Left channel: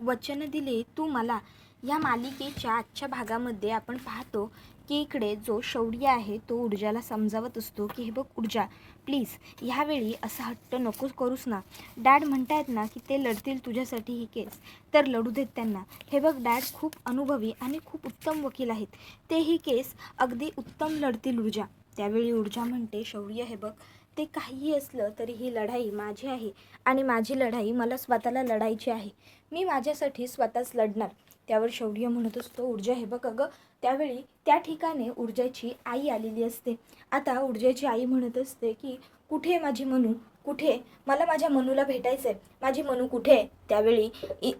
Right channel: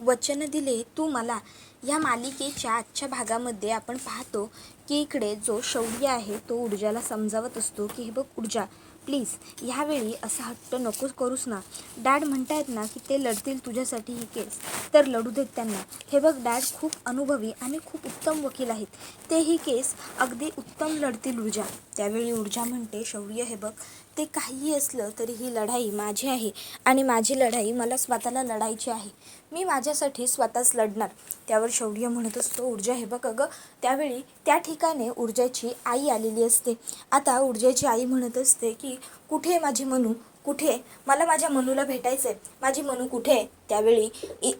वचन दिले तू मला. या मालिकेच्या आजच्या भागामध्ये आपण पाहतो की इकडे जो शौर्य आहे तो ऊर्जाला समजावत असतो की हे बघ ऊर्जा, प्लीज ह्यावेळी असा हट्ट नकोच करूस ना. डॅड म्हणतायत ना की ते लढतील तुझ्यासाठी ही केस, तर लढू देत त्यांना. हे बघ डॅड खूप अनुभवी आणि खूप उत्तम वकील आहेत, ते ही केस अगदी उत्तम लढतील ऊर्जा. त्यावेळी ऊर्जा म्हणते शौर्य हे बघ, ते काहीही असलं तरी ही लढाई माझी आहे आणि माझी लढाई मला स्वतःला लढायची आहे. मी माझ्यासाठी स्वतःच लढणार. त्यावर शौर्य म्हणत असतो ऊर्जा हे बघ अगं. त्यावेळी त्या ठिकाणी ऊर्जाची आई आलेली असते. आता ऊर्जाची आई म्हणत असते की कुठे माझी मनू, कुठे, मला माझ्या मनूला भेटायचं आहे, माझी मनू कुठे. त्यावेळी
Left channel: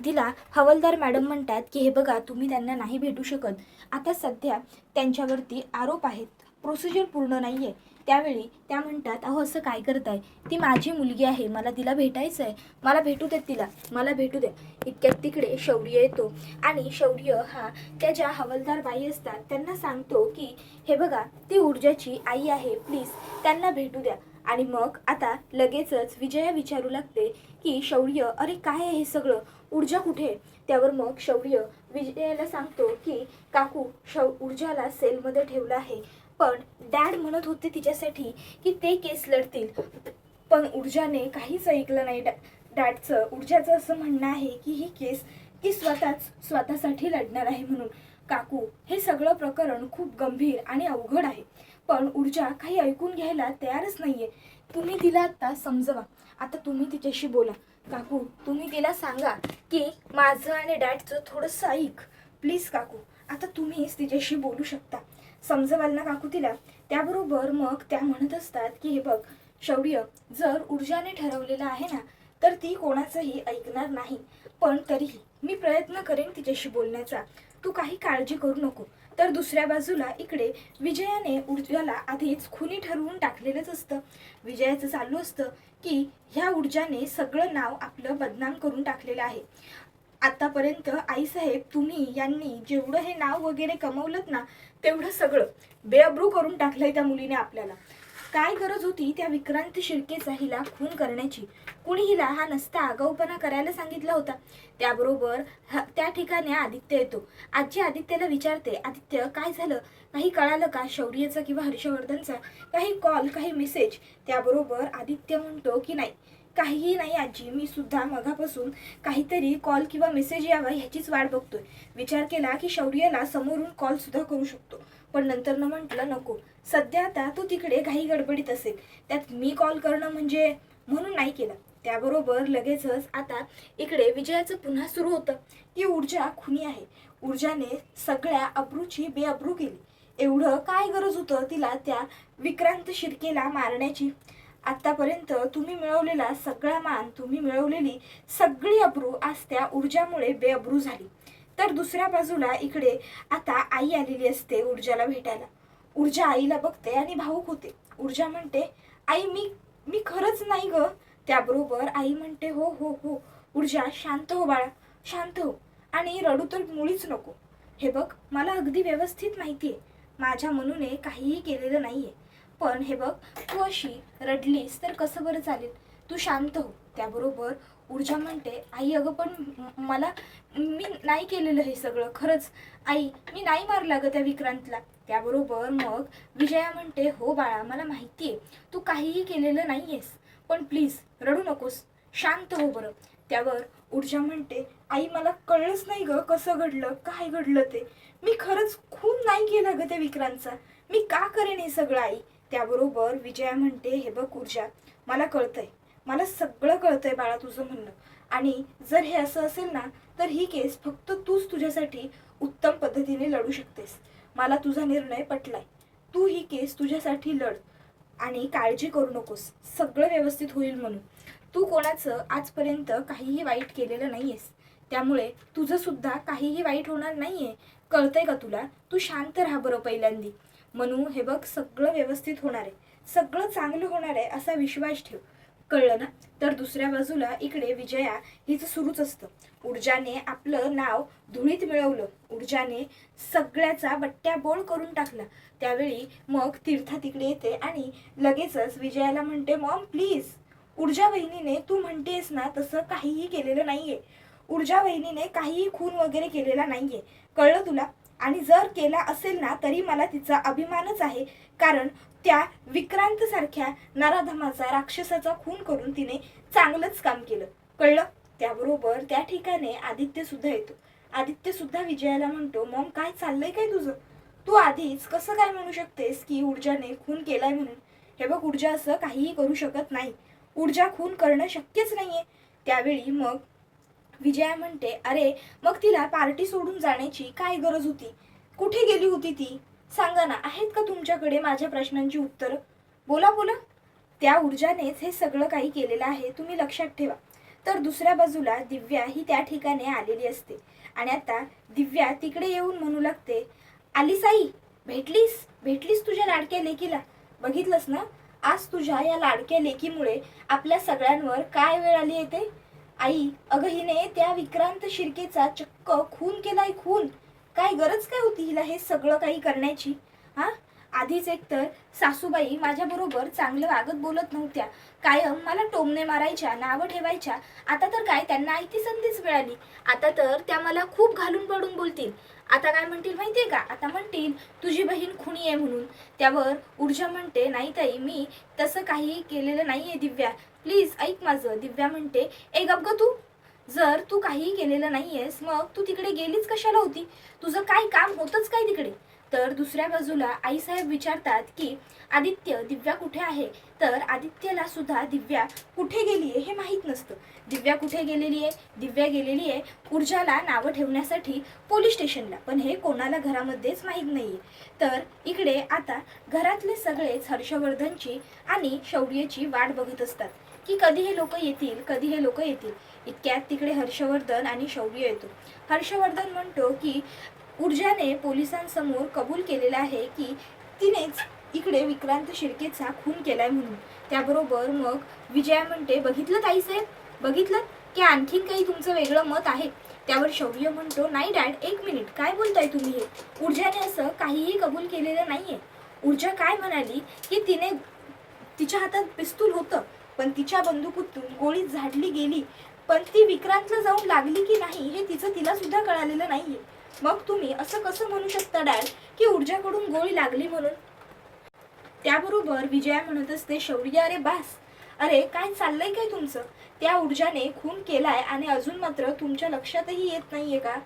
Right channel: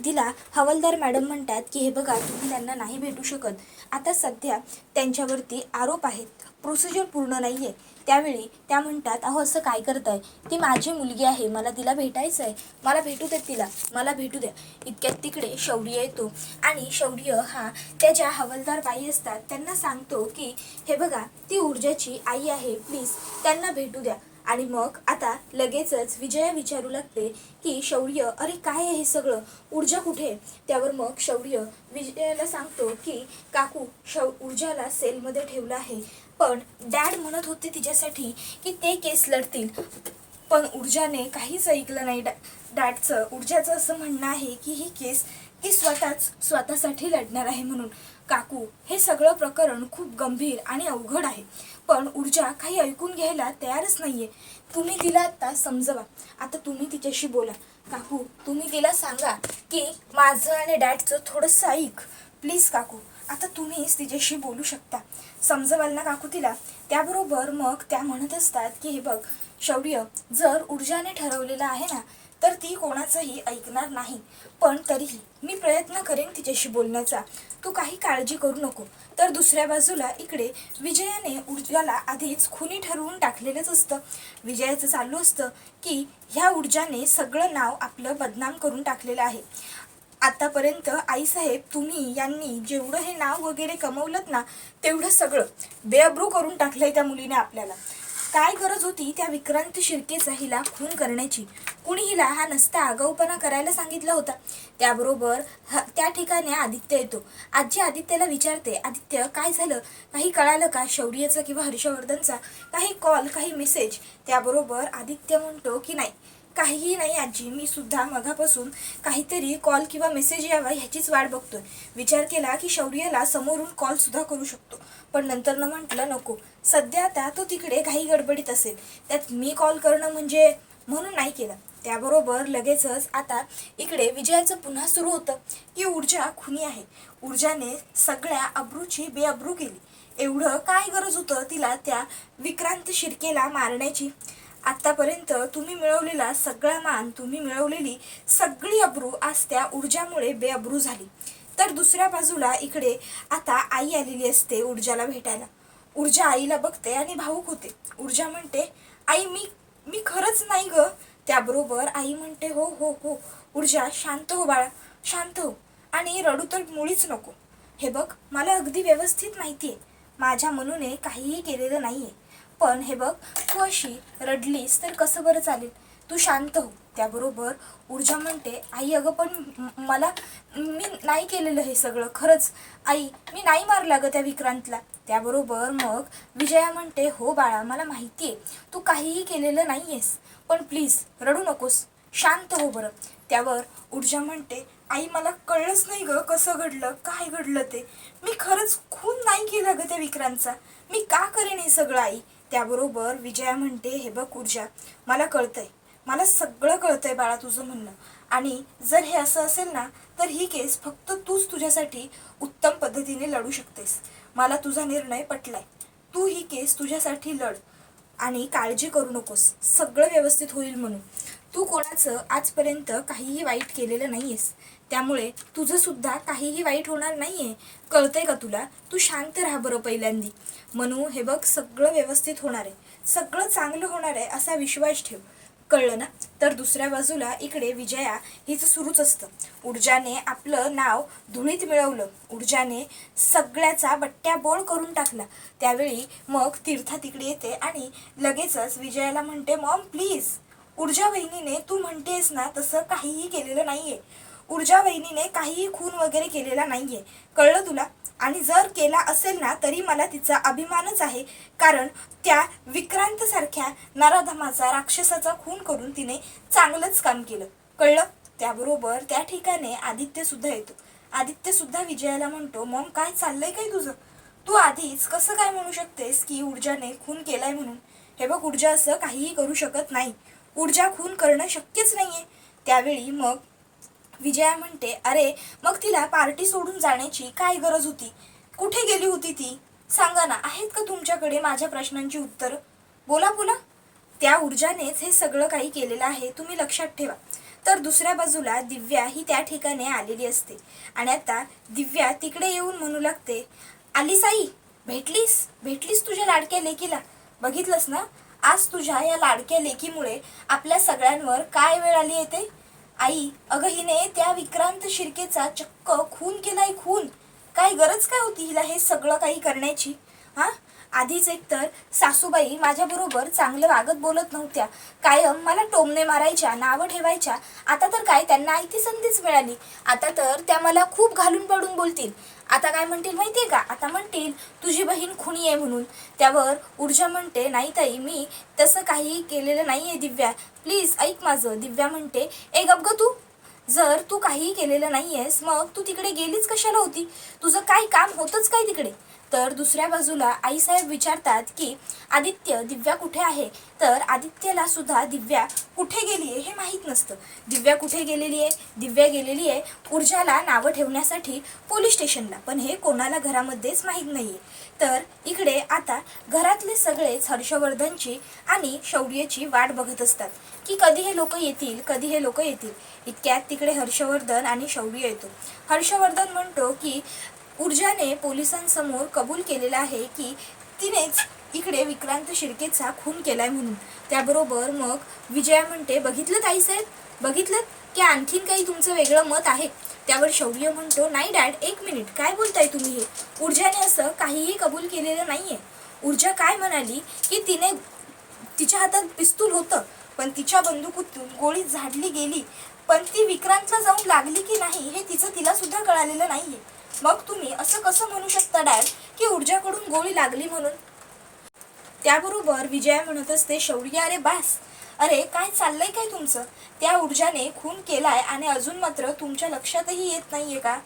तिला हवालदार मॅडम म्हणतात की हे बघा तुम्ही त्यांना नाही भेटू शकत, आता सध्या त्यांच्यावरती आरोप आहेत, प्रोसिजर पूर्ण नाही आहे. त्यावेळी त्या म्हणतात अहो असं काय करताय, ती माझी मुलगी आहे, मला तिला भेटायचं आहे, मला भेटू द्या तिला, मला भेटू द्या. इतक्यात तिकडे शौर्य येतो आणि शौर्य हा त्या ज्या हवालदार बाई असतात त्यांना सांगतो की हे बघा ती ऊर्जाची आई आहे, प्लीज त्यांना भेटू द्या. आणि मग आता लगेचच विजया विचारू लागते की शौर्य अरे काय आहे हे सगळं, ऊर्जा कुठे. त्यावर मग शौर्य विजयाला सांगतो की काकू ऊर्जाला सेलमध्ये ठेवलं आहे, पण डॅड म्हणत होते तिच्यासाठी की ते केस लढतील, पण ऊर्जाने काहीच ऐकलं नाही डॅडचं. ऊर्जाचं असं म्हणणं आहे की ही केस ती स्वतःसाठी लढणार आहे म्हणून. काकू हे सगळं प्रकरण खूप गंभीर आणि अवघड आहे, पण ऊर्जा काही ऐकून घ्यायला तयारच नाहीये. तुम्ही तिला आता समजवा, आता तुम्ही तिच्याशी बोला. काकू तुम्ही तिला सांगा की माझं आणि डॅडचं थोडंसं ऐक, प्लीज काकू, आता तुम्हीच तिच्याशी बोलू शकता, समजवाल ना काकू तिला. त्याबरोबर मग त्या म्हणत असतात की हे बघ शौर्य, जर ऊर्जाने ठरवलेलं आहे ना तर ती कोणाचंही ऐकणार नाही, पण तरीही मी प्रयत्न करेन तिच्याशी बोलण्याचा, तू काही काळजी करू नको. तर दुसऱ्या बाजूला इकडे विजयाने ऊर्जाला आधीच खुनी ठरवून टाकलेलंच असतं. विजयाचं चालू असतं की ह्या ऊर्जाने सगळं नाव आपलं बदनाम करून टाकलेलं आहे. आतापर्यंत आईसाहेब तुम्ही यांनी जेवढं हे नाव वगैरे कमवलं ना तेवढं सगळं बेअब्रू करून टाकलंय त्या मुलीने आपल्याला. काय गरज होती त्या विक्रांत शिर्केचा हिला खून करण्याची, कुणी हिला हा नसता आगाऊपणा करायला सांगितला होता. त्याबरोबर त्या ठिकाणी आदित्य येतो. आजी आदित्यला विचारते आदित्य काय झालं, काही कळालं का शौर्यचा किंवा हर्षवर्धनचा काही कॉल, काही मेसेज. त्याबरोबर आदित्य म्हणतो की नाही, काहीही नाही आजी, मी सुद्धा मगापासून काहीतरी कॉल किंवा मेसेज यावा ह्याचीच वाट बघतोय. विचार केला की शौर्याला समोरून कॉल सुद्धा करू शकतो, पण नंतर म्हटलं नको, सध्या आता तो तिकडे घाई गडबडीत असेल, त्यात मी कॉल करणं म्हणजे, म्हणून नाही केलं. त्याबरोबर लगेचच आता इकडे विजयाचं पुन्हा सुरू होतं की ऊर्जा खुनी आहे, ऊर्जाने सगळ्या अब्रूची बेअब्रू केली, एवढं काय गरज होतं तिला त्या विक्रांत शिर्केला मारण्याची. आतापर्यंत तुम्ही मिळवलेला सगळा मान, तुम्ही मिळवलेली सगळी अब्रू आज त्या ऊर्जामुळे बेअब्रू झाली. तर दुसऱ्या बाजूला इकडे आता आई आलेली असते ऊर्जाला भेटायला. ऊर्जा आईला बघते आणि भावूक होते. ऊर्जा म्हणते आई मी मी खरंच नाही ग. त्याबरोबर आई म्हणते हो हो हो ऊर्जा, शांत हो बाळा, शांत हो, आणि रडू तर मुळीच नको. हे बघ मला अगदी व्यवस्थित माहिती आहे माझ्या मनूने काहीही केलेलं नाहीये, पण हे बघ तू अशी रडलीस तर कसं बरं चालेल, तू शांत हो. त्याबरोबर ऊर्जा म्हणते आई अगं पण मला, मी नाही केलेलं हे सगळं, खरंच आई मी नाही मारला ग त्या विक्रांतला. त्याबरोबर मग विजया म्हणते हो बाळा मला माहिती आहे तू काहीही केलेलं नाहीयेस, पण प्लीज रडू नकोस, शांत हो बरं. त्यावर ऊर्जा म्हणते आई मला कळलंच नाही ग कसं घडलं, काय घडलं ते, मी खरंच खून नाही केला ग त्या विक्रांतचा, मी का करेन हे सगळं आई. त्याबरोबर विजया म्हणते हे बघ ऊर्जा, मला कळतंय, मला सगळं कळतंय बाळा तुझं म्हणणं, आणि जर हे असं असेल ना तर ही केस फक्त तूच तुझ्यासाठी उत्तम पद्धतीने लढू शकतेस. मला तुझा निर्णय पटलाय, तू ही केस तुझ्यासाठी लढ आणि काळजी करू नकोस, सगळं व्यवस्थित होईल म्हणून. तू कोणाचं आजपर्यंत काहीही वाईट केलेलं नाहीयेस, त्यामुळे तुझं सुद्धा काहीही वाईट होणार नाहीये, कळतंय का तुला. तू शांत राहा बरं पहिल्यांदी. मनू हे बघ सगळं व्यवस्थित होणार आहे, सगळं चांगलं होणार आहे असा विश्वास ठेव, कळलं ना. तर दुसऱ्या बाजूला इकडे विजया हिचं सुरूच असतं. ऊर्जाने आपलं नाव धुळीत मिळवलं, ऊर्जाने सगळ्याचा बट्ट्याबोळ करून टाकला. त्यावेळी मग तीर्था तिकडे येते आणि लगेचच विजयाला म्हणते मॉम प्लीज, ऊर्जा बहिणीने तू म्हणतेस ना तसं काहीही केलेलं नाहीये, ऊर्जा वहिनीने काहीही खून वगैरे केलेला नाहीये, कळलं तुला? आणि जर केला असेल ना तरी मला तिचा अभिमानच आहे, कारण त्या विक्रांत सारख्या नराधमाचा राक्षसाचा खून करून तिने चांगलंच काम केलं, कळलं? त्याबरोबर त्या ठिकाणी आदित्य सुद्धा येतो. आदित्य सुद्धा विजयाला म्हणतो, मॉम काय चाललंय काय तुझं? तू आधीच कसं काय म्हणू शकतेस की ऊर्जाने खून केलाय म्हणून? हे बघ, ऊर्जा असं काहीही करू शकत नाही. ऊर्जा खून करणं शक्यच नाहीये. त्यावेळी मग विजया म्हणते, अरे मग तिला पार्टी सोडून जाण्याची काय गरज होती? कुठे गेली होती ती? सांगा ना, आहेत का तुमच्याकडे माझ्या प्रश्नांची उत्तरं? बोला बोला. त्या ऊर्जानेच हे सगळं काही केलेलं आहे, तुम्ही लक्षात ठेवा. तर दुसऱ्या बाजूला दिव्या ही त्या ठिकाणी आलेली असते आणि आता दिव्या तिकडे येऊन म्हणू लागते, आलीस आई, भेटलीस भेटलीस तुझ्या लाडक्या लेकीला. बघितलंस ना, आज तुझ्या या लाडक्या लेकीमुळे आपल्या सगळ्यांवर काय वेळ आली येते. आई, अगं हिने त्या विक्रांत शिर्केचा चक्क खून केलाय, खून. काय गरज काय होती हिला हे सगळं काही करण्याची? हा, आधीच एकतर सासूबाई माझ्याबरोबर चांगलं वागत बोलत नव्हत्या, कायम मला टोमणे मारायच्या, नावं ठेवायच्या. आता तर काय, त्यांना आयती संधीच मिळाली. आता तर त्या मला खूप घालून पाडून बोलतील. आता काय म्हणतील माहितीये का? आता म्हणतील तुझी बहीण खुनी आहे म्हणून. त्यावर ऊर्जा म्हणते, नाही ताई, मी तसं काही केलेलं नाहीये दिव्या, प्लीज ऐक माझं. दिव्या म्हणते, ए गप ग तू. जर तू काही केलेलं नाहीयेस मग तू तिकडे गेलीच कशाला होती? तुझं काय काम होतंच काय तिकडे? तर दुसऱ्या बाजूला आईसाहेब विचारतात की आदित्य, दिव्या कुठे आहे? तर आदित्यला सुद्धा दिव्या कुठे गेली आहे हे माहीत नसतं. दिव्या कुठे गेलेली आहे? दिव्या गेलेली आहे ऊर्जाला नावं ठेवण्यासाठी पोलीस स्टेशनला, पण हे कोणाला घरामध्येच माहीत नाहीये. तर इकडे आता घरातले सगळेच हर्षवर्धनची आणि शौर्यची वाट बघत असतात की कधी हे लोक येतील, कधी हे लोक येतील. इतक्यात तिकडे हर्षवर्धन आणि शौर्य येतो. हर्षवर्धन म्हणतो की ऊर्जाने पोलिसांसमोर कबूल केलेलं आहे की तिनेच इकडे विक्रांत शिर्केचा खून केलाय म्हणून. त्याबरोबर मग विजया म्हणते, बघितलं ताईसाहेब, बघितलं की आणखीन काही तुमचं वेगळं मत आहे? त्यावर शौर्य म्हणतो, नाही डॅड, एक मिनिट, काय बोलताय तुम्ही हे? ऊर्जाने असं काहीही कबूल केलेलं नाहीये. ऊर्जा काय म्हणाली की तिच्या हातात पिस्तूल होतं, पण तिच्या बंदुकीतून गोळी झाडली गेली, पण ती विक्रांतला जाऊन लागली की नाही हे तिला सुद्धा कळालेलं नाहीये. मग तुम्ही असं कसं म्हणू शकता डॅड की ऊर्जाकडून गोळी लागली म्हणून? त्याबरोबर विजया म्हणत असते, शौर्य अरे बास, अरे काय चाललंय काय तुमचं? त्या ऊर्जाने खून केलाय आणि अजून मात्र तुमच्या लक्षातही येत नाहीये का?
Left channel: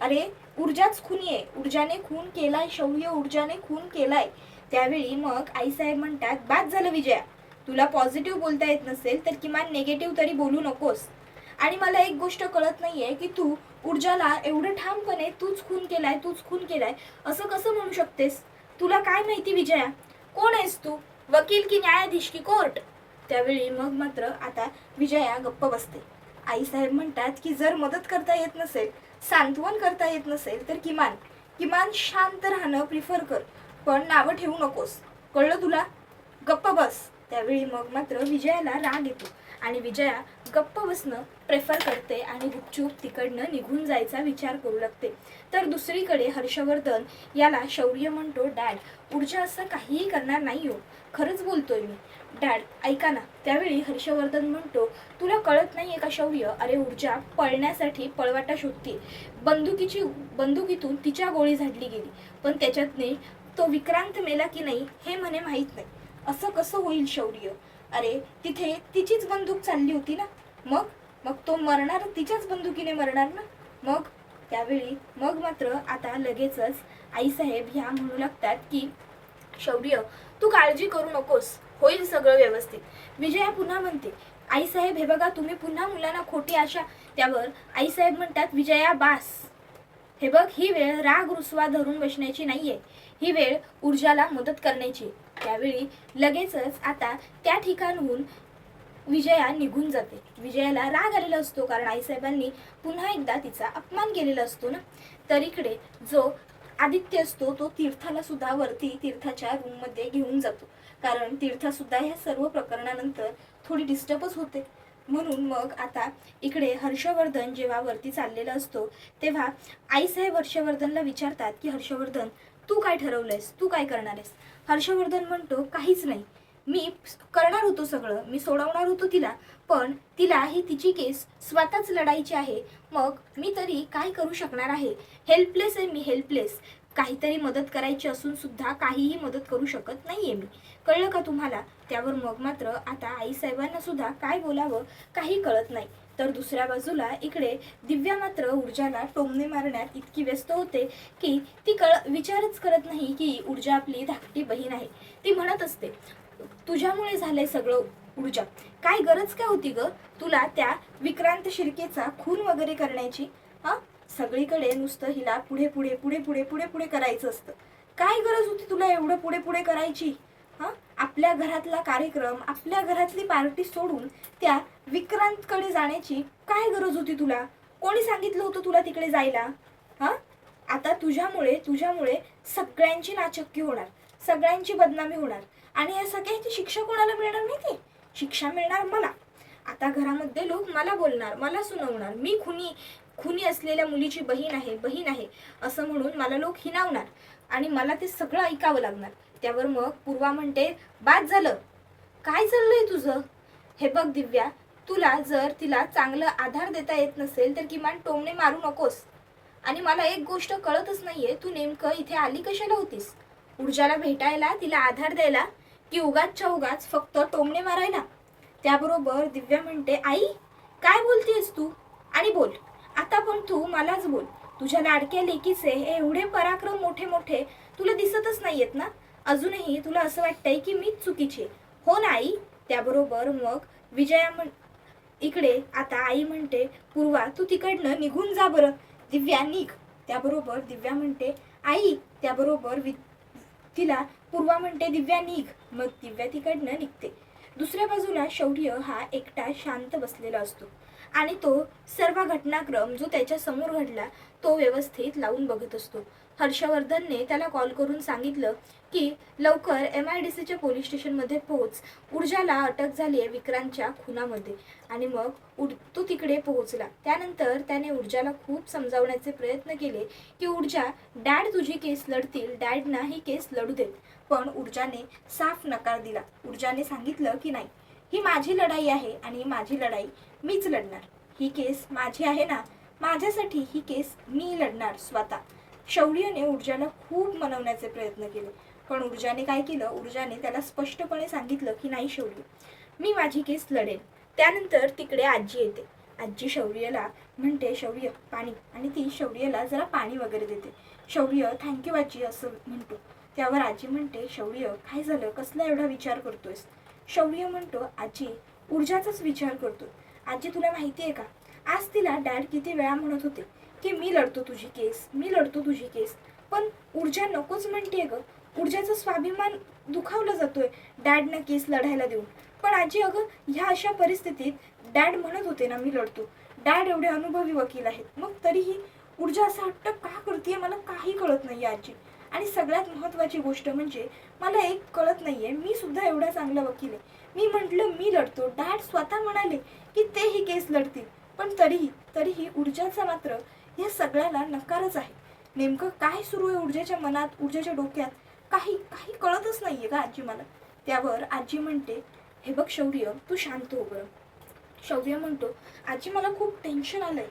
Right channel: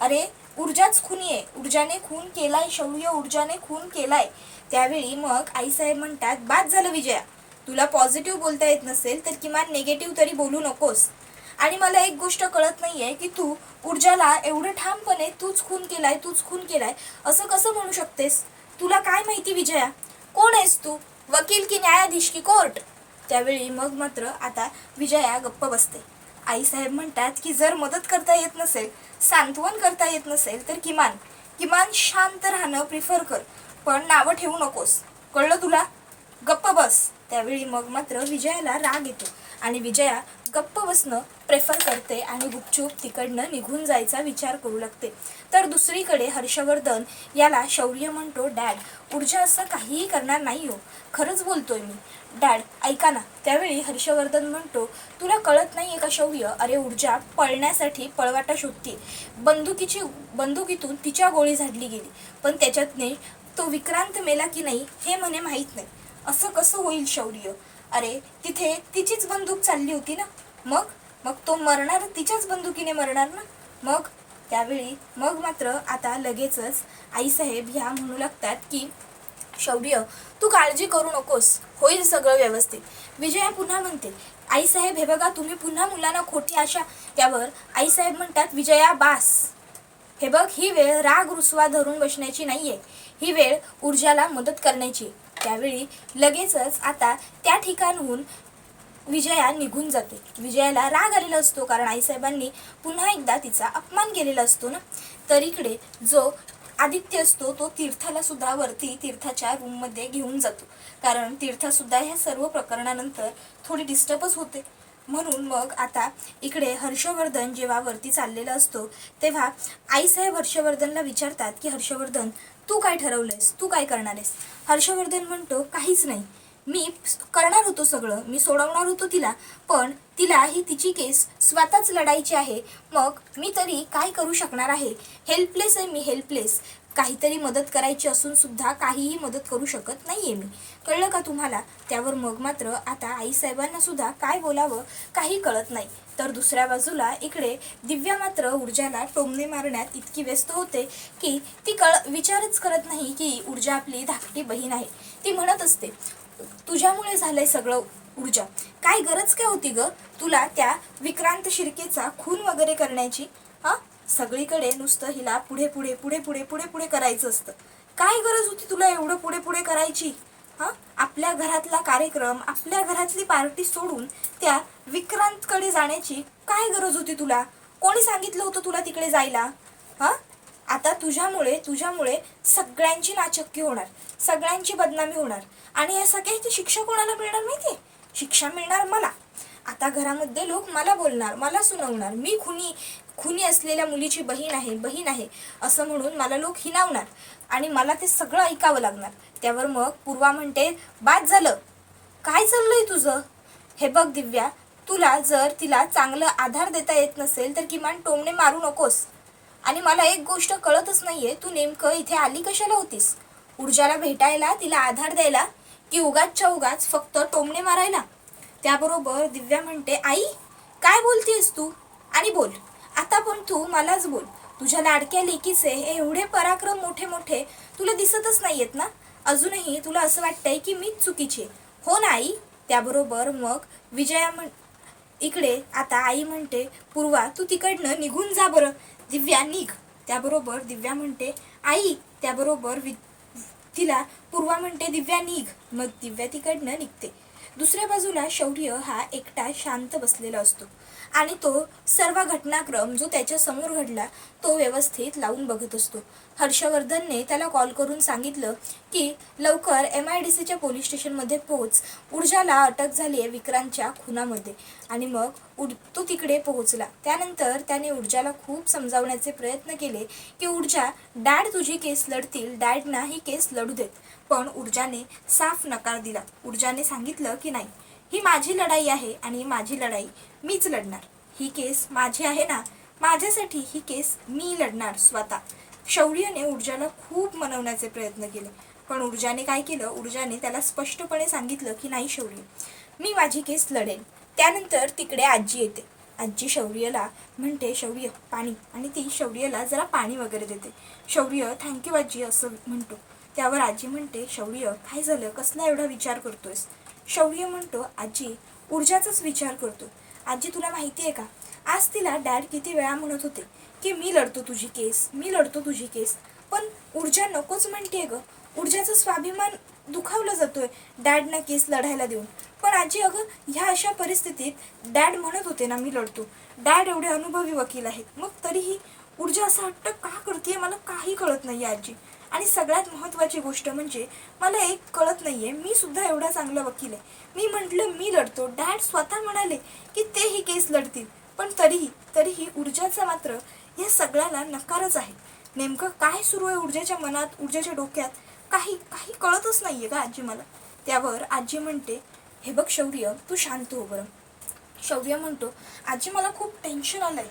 अरे ऊर्जाच खुनी आहे, ऊर्जाने खून केलाय शौर्य, ऊर्जाने खून केलाय. त्यावेळी मग आईसाहेब म्हणतात, बाद झालं विजया, तुला पॉझिटिव्ह बोलता येत नसेल तर किमान नेगेटिव्ह तरी बोलू नकोस. आणि मला एक गोष्ट कळत नाहीये की तू ऊर्जाला एवढं ठामपणे तूच खून केलाय, तूच खून केलाय असं कसं म्हणू शकतेस? तुला काय माहिती विजया, कोण आहेस तू, वकील की न्यायाधीश की कोर्ट? त्यावेळी मग मात्र आता विजया गप्प बसते. आईसाहेब म्हणतात की जर मदत करता येत नसेल, सांत्वन करता येत नसेल तर किमान किमान शांत राहणं प्रिफर कर, पण नावं ठेवू नकोस, कळलं तुला? गप्प बस. त्यावेळी मग मात्र विजयाला राग येतो आणि विजया गप्प बसणं प्रेफर करते आणि गुपचूप तिकडनं निघून जायचा विचार करू लागते. तर दुसरीकडे हर्षवर्धन याला शौर्य म्हणतो, डॅड, ऊर्जा असं काहीही करणार नाही हो, खरंच बोलतोय मी. डॅड ऐका ना. त्यावेळी हर्षवर्धन म्हणतो, तुला कळत नाहीये का शौर्य, अरे ऊर्जा पळण्यासाठी पळवाटा शोधते, बंदुकीतून तिच्या गोळी झाडली गेली, पण त्याच्यातने तो विक्रांत मेला की नाही हे म्हणे माहीत नाही. असं कसं होईल शौर्य? अरे तिथे तिचीच बंदूक चालली होती ना, मग मग तो मरणार तिच्याच बंदुकीने मरणार ना मग. त्यावेळी मग मात्र आता लगेचच आईसाहेब ह्या म्हणू लागतात की शौर्य, तू काळजी करू नकोस, होईल सगळं व्यवस्थित. विजया पुन्हा म्हणते, आईसाहेब हे बघा, तुम्ही पुन्हा मुलांना खोटी आशा. त्यावर आईसाहेब म्हणतात, विजया बास, हे बघ, ही वेळ राग रुसवा धरून बसण्याची नाहीये, ही वेळ ऊर्जाला मदत करण्याची. त्यावेळी लगेचच आता त्या ठिकाणहून विजया निघून जाते. विजयाला राग आलेला असतो कारण आईसाहेबांनी पुन्हा एकदा तिचा अपमान केलेला असतो ना. तर इकडे जो आदित्य असतो तो तीर्थाला सुद्धा वरती तीर्थाच्या रूममध्ये घेऊन जातो, कारण तीर्था सुद्धा ह्या सर्व प्रकरणानंतर थोडी डिस्टर्बच होते. म्हणून मग आता इकडे हर्षवर्धन जेव्हा वरती चाललेला असतो तेव्हा आईसाहेब हर्षवर्धनला विचारतात की हर्षवर्धन, तू काय ठरवलंयस, तू काय करणार आहेस? हर्षवर्धन म्हणतो, काहीच नाही, मी करणार होतो सगळं, मी सोडवणार होतो तिला, पण तिला ही तिची केस स्वतःच लढायची आहे. मग मी तरी काय करू शकणार आहे? हेल्पलेस आहे मी, हेल्पलेस. काहीतरी मदत करायची असून सुद्धा काहीही मदत करू शकत नाहीये मी. कळलं का तुम्हाला? त्यावर मग मात्र आता आईसाहेबांना सुद्धा काय बोलावं काही कळत नाही. तर दुसऱ्या बाजूला इकडे दिव्या मात्र ऊर्जाला टोमणे मारण्यात इतकी व्यस्त होते की ती विचारच करत नाही की ऊर्जा आपली धाकटी बहीण आहे. ती म्हणत असते, तुझ्यामुळे झालंय सगळं ऊर्जा. काय गरज काय होती ग तुला त्या विक्रांत शिर्केचा खून वगैरे करण्याची? हा, सगळीकडे नुसतं हिला पुढे पुढे पुढे पुढे पुढे पुढे करायचं असतं. काय गरज होती तुला एवढं पुढे पुढे करायची? हा, आपल्या घरातला कार्यक्रम, आपल्या घरातली पार्टी सोडून त्या विक्रांतकडे जाण्याची काय गरज होती तुला? कोणी सांगितलं होतं तुला तिकडे जायला? हा, आता तुझ्यामुळे सगळ्यांची नाचक्की होणार, सगळ्यांची बदनामी होणार. आणि या सगळ्याची शिक्षा कोणाला मिळणार माहितीये? शिक्षा मिळणार मला. आता घरामध्ये लोक मला बोलणार, मला सुनावणार. मी खुनी असलेल्या मुलीची बहीण आहे असं म्हणून मला लोक हिणावणार आणि मला ते सगळं ऐकावं लागणार. त्यावर मग पूर्वा म्हणते, बाद झालं. काय चाललंय तुझं? हे बघ दिव्या, तुला जर तिला चांगला आधार देता येत नसेल तर किमान टोमणे मारू नकोस. आणि मला एक गोष्ट कळतच नाहीये, तू नेमकं इथे आली कशाला होतीस? ऊर्जाला भेटायला, तिला आधार द्यायला, की उगाचच्या उगाच फक्त टोमणे मारायला? त्याबरोबर दिव्या म्हणते, आई काय बोलतेस तू? आणि बोल आता, पण तू मलाच बोल. तुझ्या लाडक्या लेकीचे एवढे पराक्रम मोठे मोठे तुला दिसतच नाहीयेत ना? अजूनही तुला असं वाटतंय की मीच चुकीची? हो ना आई? त्याबरोबर मग विजया इकडे आता आई म्हणते, पूर्वा तू तिकडनं निघून जा बरं. दिव्या निघ. त्याबरोबर दिव्या म्हणते, आई. त्याबरोबर तिला पूर्वा म्हणते, दिव्या निघ. मग दिव्या तिकडनं निघते. दुसऱ्या बाजूला शौर्य हा एकटा शांत बसलेला असतो आणि तो सर्व घटनाक्रम जो त्याच्या समोर घडला तो व्यवस्थित लावून बघत असतो. हर्षवर्धनने त्याला कॉल करून सांगितलं की लवकर MIDCच्या पोलीस स्टेशनमध्ये पोहोच, ऊर्जाला अटक झाली आहे विक्रांतच्या खुनामध्ये. आणि मग तो तिकडे पोहोचला. त्यानंतर त्याने ऊर्जाला खूप समजावण्याचे प्रयत्न केले की ऊर्जा, डॅड तुझी केस लढतील, डॅडना ही केस लढू देत. पण ऊर्जाने साफ नकार दिला. ऊर्जाने सांगितलं की नाही, ही माझी लढाई आहे आणि माझी लढाई मीच लढणार. ही केस माझी आहे ना, माझ्यासाठी ही केस मी लढणार स्वतः. शौर्यने ऊर्जाला खूप मनवण्याचे प्रयत्न केले, पण ऊर्जाने काय केलं, ऊर्जाने त्याला स्पष्टपणे सांगितलं की नाही शौर्य, मी माझी केस लढेन. त्यानंतर तिकडे आजी येते. आजी शौर्यला म्हणते, शौर्य पाणी. आणि ती शौर्यला जरा पाणी वगैरे देते. शौर्य थँक्यू आजी असं म्हणतो. त्यावर आजी म्हणते, शौर्य काय झालं, कसला एवढा विचार करतोयस? शौर्य म्हणतो, आजी ऊर्जाचाच विचार करतो. आजी तुला माहिती आहे का, आज तिला डॅड किती वेळा म्हणत होते की मी लढतो तुझी केस, मी लढतो तुझी केस, पण ऊर्जा नकोच म्हणते ग. ऊर्जाचा स्वाभिमान दुखावला जातोय डॅडना केस लढायला देऊन. पण आजी अगं, ह्या अशा परिस्थितीत डॅड म्हणत होते ना मी लढतो, डॅड एवढे अनुभवी वकील आहेत, मग तरीही ऊर्जा असा हट्ट का करते मला काही कळत नाही आजी. आणि सगळ्यात महत्त्वाची गोष्ट म्हणजे मला एक कळत नाहीये, मी सुद्धा एवढा चांगला वकील आहे, मी म्हटलं मी लढतो, डॅड स्वतः म्हणाले की ते ही केस लढतील, पण तरीही ऊर्जाचा मात्र या सगळ्याला नकारच आहे. नेमकं काय सुरू आहे ऊर्जाच्या मनात, ऊर्जाच्या डोक्यात, काही काही कळतच नाहीये का आजी मला. त्यावर आजी म्हणते, हे बघ शौर्य, तू शांत हो बरं. शौर्य म्हणतो, आजी मला खूप टेन्शन आलंय,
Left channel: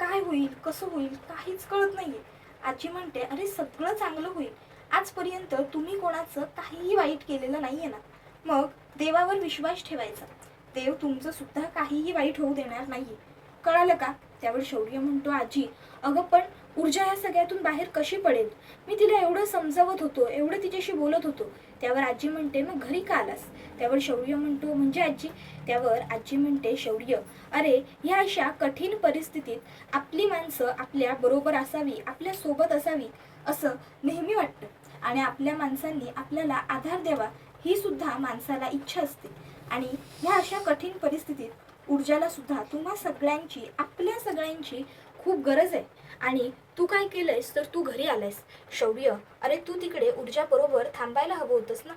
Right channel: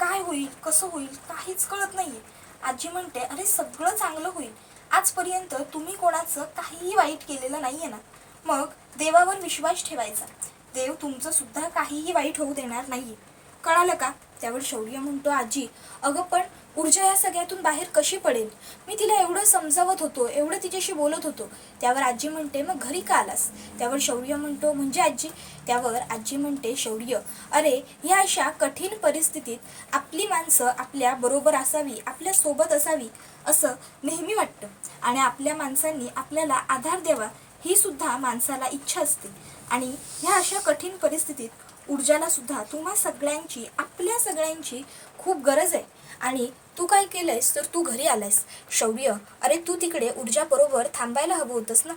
काय होईल कसं होईल काहीच कळत नाहीये. आजी म्हणते, अरे सगळं चांगलं होईल, आजपर्यंत तुम्ही कोणाचं काहीही वाईट केलेलं नाहीये ना, मग देवावर विश्वास ठेवायचा, देव तुमचं सुद्धा काहीही वाईट होऊ देणार नाहीये, कळालं का? त्यावर शौर्य म्हणतो, आजी अगं पण ऊर्जा या सगळ्यातून बाहेर कशी पडेल? मी तिला एवढं समजावत होतो, एवढं तिच्याशी बोलत होतो. त्यावर आजी म्हणते, मग घरी का आलास? त्यावर शौर्य म्हणतो, म्हणजे आजी? त्यावर आजी म्हणते, शौर्य अरे ह्या अशा कठीण परिस्थितीत आपली माणसं आपल्या बरोबर असावी, आपल्या सोबत असावी असं नेहमी वाटतं आणि आपल्या माणसांनी आपल्याला आधार द्यावा ही सुद्धा माणसाला इच्छा असते. आणि ह्या अशा कठीण परिस्थितीत ऊर्जाला सुद्धा तुम्हा सगळ्यांची, आपल्या सगळ्यांची खूप गरज आहे. आणि तू काय केलंयस तर तू घरी आलायस. शौर्य अरे तू तिकडे ऊर्जा बरोबर थांबायला हवं होतंस ना,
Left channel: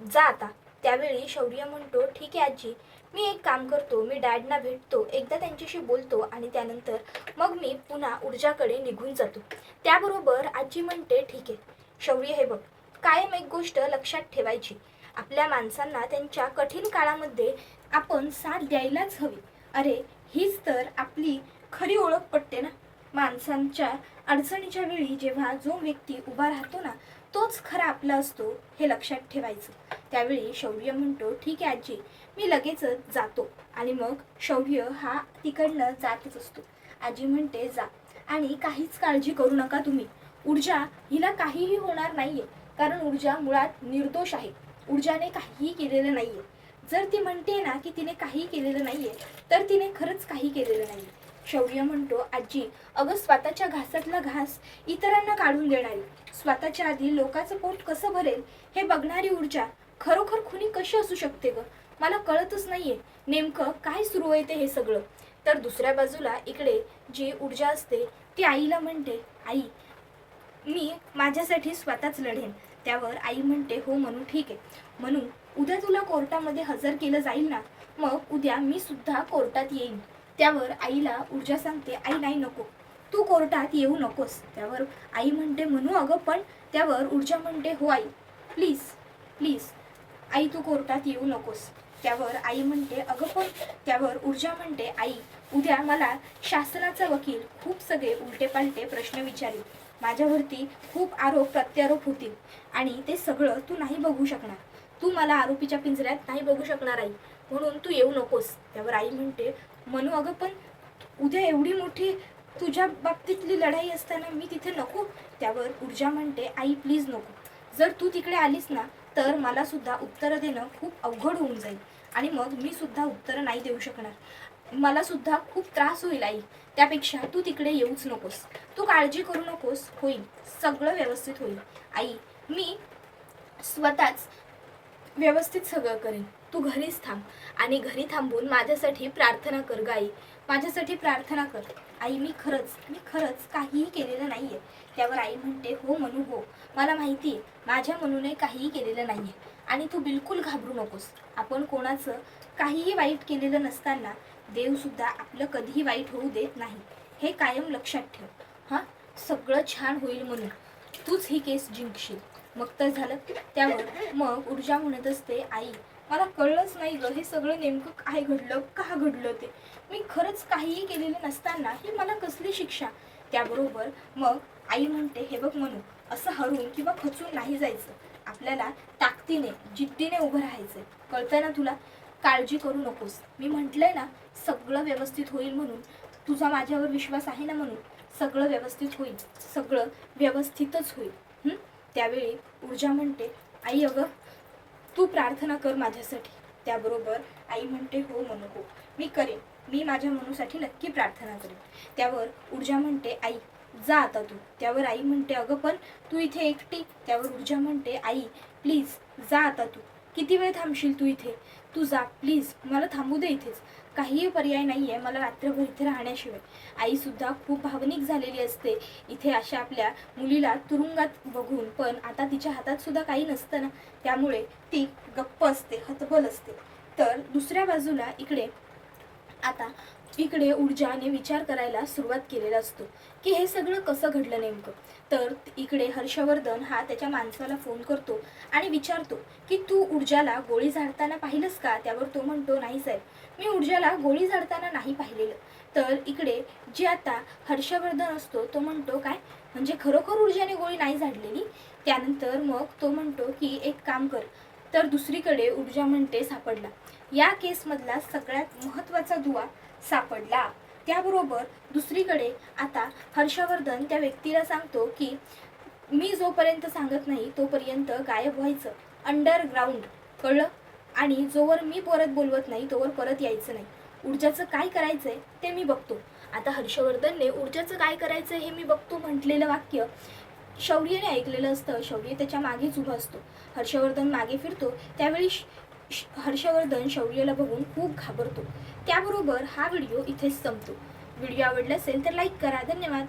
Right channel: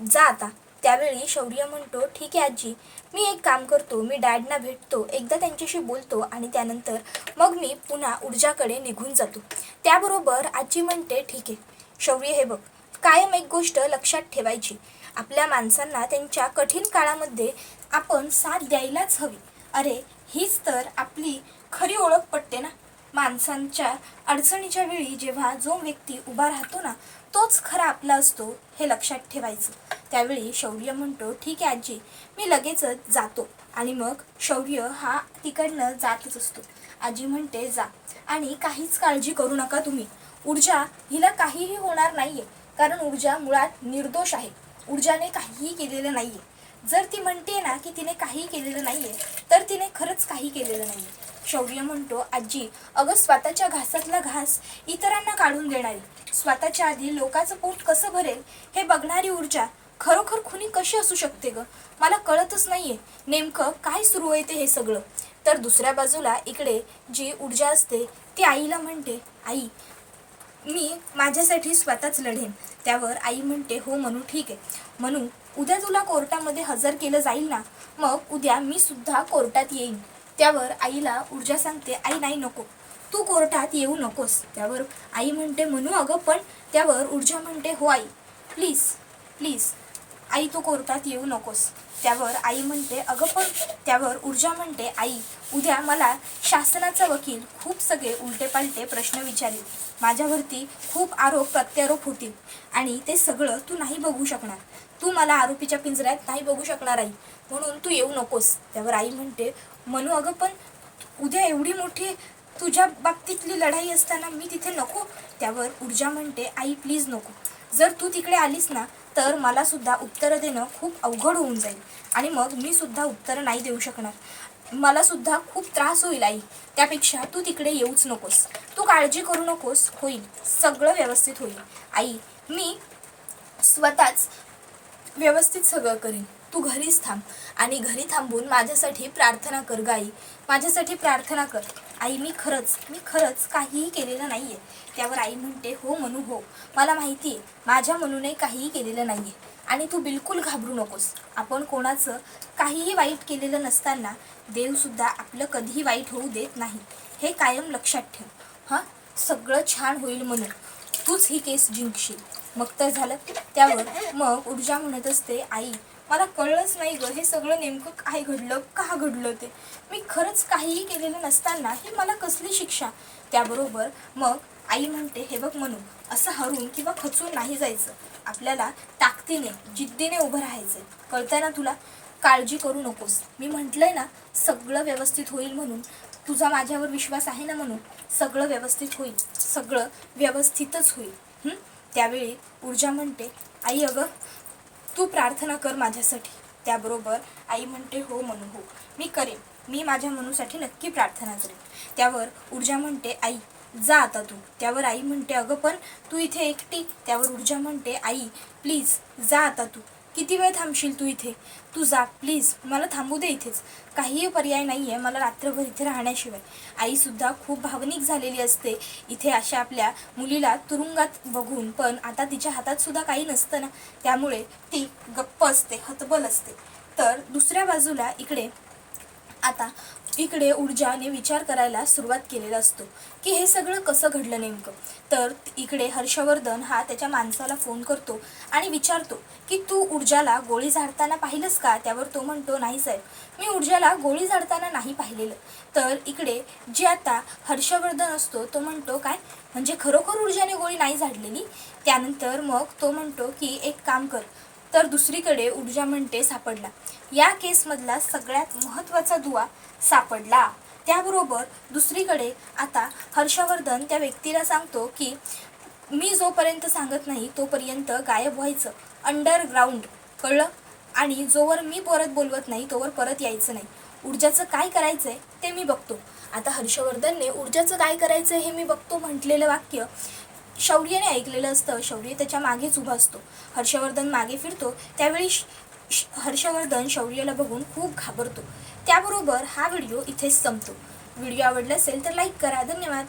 जा आता. त्यावेळी शौर्य म्हणतो, ठीक आहे आजी, मी एक काम करतो, मी डॅडना भेटतो, एकदा त्यांच्याशी बोलतो आणि त्यानंतर मग मी पुन्हा ऊर्जाकडे निघून जातो. त्याबरोबर आजी म्हणते, ठीक आहे शौर्य, हे बघ कायम एक गोष्ट लक्षात ठेवायची, आपल्या माणसांना त्यांच्या कठीण काळामध्ये आपण साथ द्यायलाच हवी. अरे हीच तर आपली खरी ओळख पटते ना. माणसांच्या अडचणीच्या वेळी जेव्हा जो व्यक्ती उभा राहतो ना, तोच खरा आपला असतो, हे लक्षात ठेवायचं. त्यावेळी शौर्य म्हणतो, ठीक आहे आजी, मी लगेचच जातो. आणि मग शौर्य हा तिकडनं जातच असतो. आजी म्हणते, जा आणि काहीच काळजी करू नका तुम्ही. ऊर्जा हिला काहीही होणार नाहीये, कारण ऊर्जा मुळात निर्दोष आहे. ऊर्जाने काहीही केलेलं नाहीये. जर ती म्हणते ना की तिने काही केलेलं नाहीये, तर तिने खरंच काही केलेलं नाहीये. शौर्य म्हणतो, आजी, अगं स्वतःच्या घासातला घास इतरांना काढून देणारी, स्वतःच्या आधी लोकांचं पोट कसं भरेल हे बघणारी ऊर्जा खरोखर खुनी कशी असू शकते ग? मला कळतच नाहीये नेमकं काय सुरू आहे ते हे सगळं. तर दुसऱ्या बाजूला इकडे जी ऊर्जा असते ती आईला म्हणते, आई, मी माझ्यासाठी स्वतःच लढेन. त्यावर आई म्हणते, हो म्हणू, ठीक आहे. म्हणू, उद्या तुला कोर्टामध्ये हजर केलं जाईल ना, मग उद्या मी सुद्धा कोर्टात येईन. त्यावर आईला ऊर्जा सांगते, आई नाही, नको, तू कोर्टात येऊ नकोस. त्यावर आई म्हणते, म्हणू अगं पण. त्यावर ऊर्जा म्हणते, हो आई, प्लीज प्लीज आई, तू कोर्टात येऊ नकोस. त्यावर आई म्हणते, अगं पण. त्यावर ऊर्जा म्हणते, आई, उद्या मला शासनाचा वकील खूप सगळे उलटेपालटे प्रश्न विचारेल. माझ्यावरती खूप आरोप प्रत्यारोप होतील आणि ते सगळं तू नाही बघू शकणार. तू मला आरोपीच्या पिंजऱ्यात नाही बघू शकणार आई, म्हणून तू येऊ नकोस. त्यावर आई म्हणते, म्हणू अगं पण, उद्या एवढी मोठी तुझ्या बाबतीतली लढाई असताना मी तिथे नको. त्यावर ऊर्जा म्हणते, आई प्लीज नको. जर तू तिकडे आलीस ना, तर मला सुद्धा उत्तरं देणं खूप अवघड होऊन जाईल आणि मग मी सुद्धा उत्तरं नाही देऊ शकणार. मला सुद्धा खूप त्रास होईल आई. त्यापेक्षा तू तिकडे येऊच नकोस. तू काळजी करू नकोस, होईल, सगळं व्यवस्थित होईल. आई, मी स्वतःच व्यवस्थित सगळं करेन. तू घरीच थांब आणि घरी थांबून माझ्यासाठी प्रार्थना कर ग आई, माझ्यासाठी प्रार्थना कर. आई, मी खरंच काहीही केलेलं नाहीये. त्यावर आई म्हणते, हो म्हणू, हो, मला माहिती आहे माझ्या मनूने काहीही केलेलं नाहीये आणि तू बिलकुल घाबरू नकोस. आपण कोणाचं काहीही वाईट केलेलं नसताना देवसुद्धा आपलं कधीही वाईट होऊ देत नाही, हे कायम लक्षात ठेव. हां, सगळं छान होईल म्हणून तूच ही केस जिंकशील, मग तर झालं. त्यावर मग ऊर्जा म्हणत असते, आई, मला कळलंच नाही ग, हे सगळं नेमकं काय घडलं, का घडलं ते. मी खरंच काहीही केलेलं नसताना ही मला कसली शिक्षा. त्याबरोबर मग आई म्हणते, हे बघ म्हणू, असं हरून किंवा खचून नाही जायचं. आपल्याला ताकदीने जिद्दीने उभं राहायचं, कळतंय ना तुला. काळजी करू नकोस. मी म्हटलंय ना, सगळं व्यवस्थित होईल म्हणून. तुझा माझ्यावर विश्वास आहे ना, म्हणून सगळं व्यवस्थित होईल, सगळं व्यवस्थितच होईल. त्यावेळी ऊर्जा म्हणते, आई, अगं तू प्रार्थना कर माझ्यासाठी. त्याबरोबर आई म्हणते, हो म्हणू, हो, मी करेन, मी माझ्या मनूसाठी नक्की प्रार्थना करेन. त्यावर ऊर्जा म्हणते, आई, जा आता तू. त्यावर आई म्हणते, अगं पण तू इथे एकटी. त्यावर ऊर्जा म्हणते, आई प्लीज जा आता तू. किती वेळ थांबशील तू इथे? तू जा प्लीज, मला थांबू दे इथेच. काहीही पर्याय नाही आहे मला रात्रभर इथे राहण्याशिवाय. आईसुद्धा खूप भावनिक झालेली असते इथे अशा आपल्या मुलीला तुरुंगात बघून, पण आता तिच्या हातात सुद्धा काही नसतं ना, त्यामुळे ती गप्प असते, हतबल असते. तर दुसऱ्या बाजूला इकडे ऊर्जाने विचार करायला सुरुवात केलेला असतो की हे सगळं कसं घडलं नेमकं. तर इकडे हर्षवर्धन हा त्याच्या माणसाला फोन करतो आणि विचारतो की तू ऊर्जाला गोळी झाडताना पाहिलंस का. त्यावर तो म्हणतो, नाही साहेब, मी ऊर्जाला गोळी झाडताना नाही पाहिलेलं. तर इकडे जे आता हर्षवर्धन असतो तो म्हणतो, काय म्हणजे खरोखर ऊर्जाने गोळी नाही झाडलेली. त्यानंतर मग तो म्हणतो की एक काम कर. तर दुसरीकडे ऊर्जा म्हणते, सापडला, या केसमधला सगळ्यात महत्त्वाचा दुवा सापडला. त्याबरोबर दुसरीकडे आता हर्षवर्धन त्या व्यक्तीला सांगतो की मी जोपर्यंत सांगत नाही तोपर्यंत गायब व्हायचं अंडरग्राऊंड, कळलं, आणि जोवर मी परत बोलवत नाही तोवर परत यायचं नाही. ऊर्जाचं काय करायचंय ते मी बघतो. आता हर्षवर्धनने ऊर्जाचं काय करायचंय हे मी बघतो म्हटलेलं वाक्य शौर्यने ऐकलेलं असतं. शौर्य त्याच्या मागेच उभा असतो. हर्षवर्धन मागे फिरतो त्यावेळी हर्षवर्धन शौर्यला बघून खूप घाबरतो. त्याबरोबर हा व्हिडिओ इथेच संपतो. व्हिडिओ आवडला असेल तर लाईक करा. धन्यवाद.